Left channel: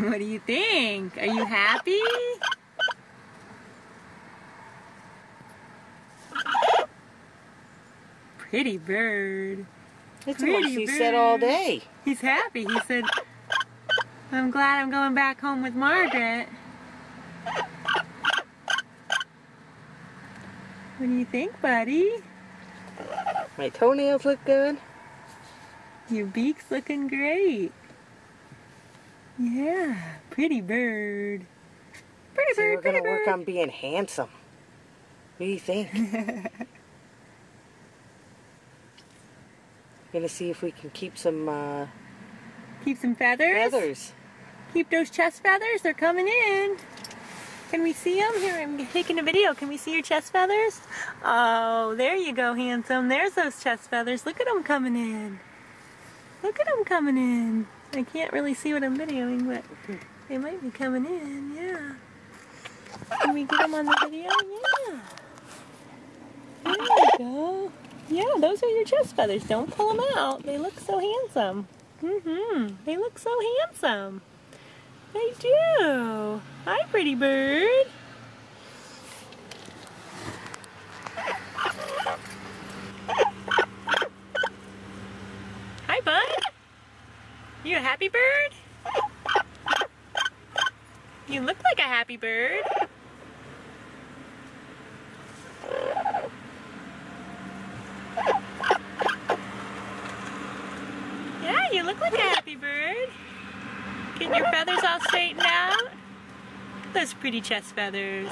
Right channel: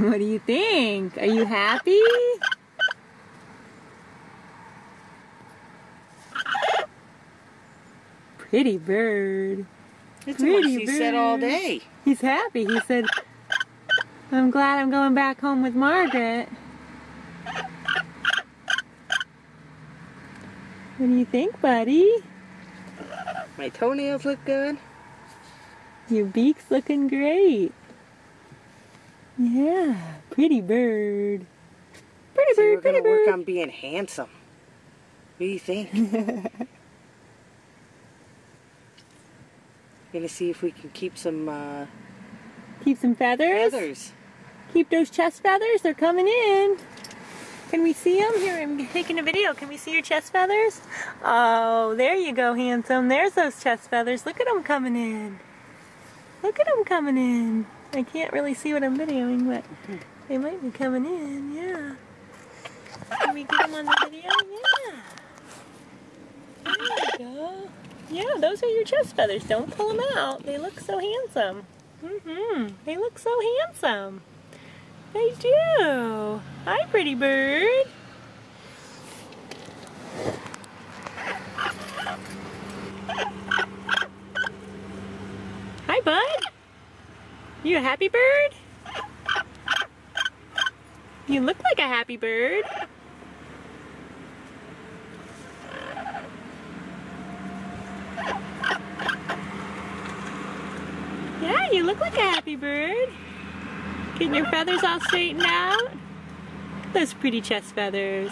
What do you think? Are you happy? Pretty bird. That's what he said all day. He's happy. He said, I'm glad I'm going back home with Margaret. What do you think, buddy? My toenails look good. Your beak's looking great. Yeah, pretty bird. Pretty bird, pretty bird. We're gonna work on being handsome. What do you think? Gonna see if we can keep some feathers? Keep those chest feathers? They're coming in. Can we see them? Here, I'm taking a video. Can we see your chest feathers? Oh, there you go, handsome. There's those chest feathers. Look at them coming in. Look at them coming in. I can't really see what I'm videoing, but they might be coming in, yeah. Can we get them on the video? Yeah. There you go. Yeah, those are your chest feathers. Don't pull them out. They look so handsome. They look so handsome. They do. Hi, pretty bird. Hi, bud. You a happy bird? You look like a happy bird. Yeah, you look like a happy bird. Getting your feathers all straightened out. Those pretty chest feathers.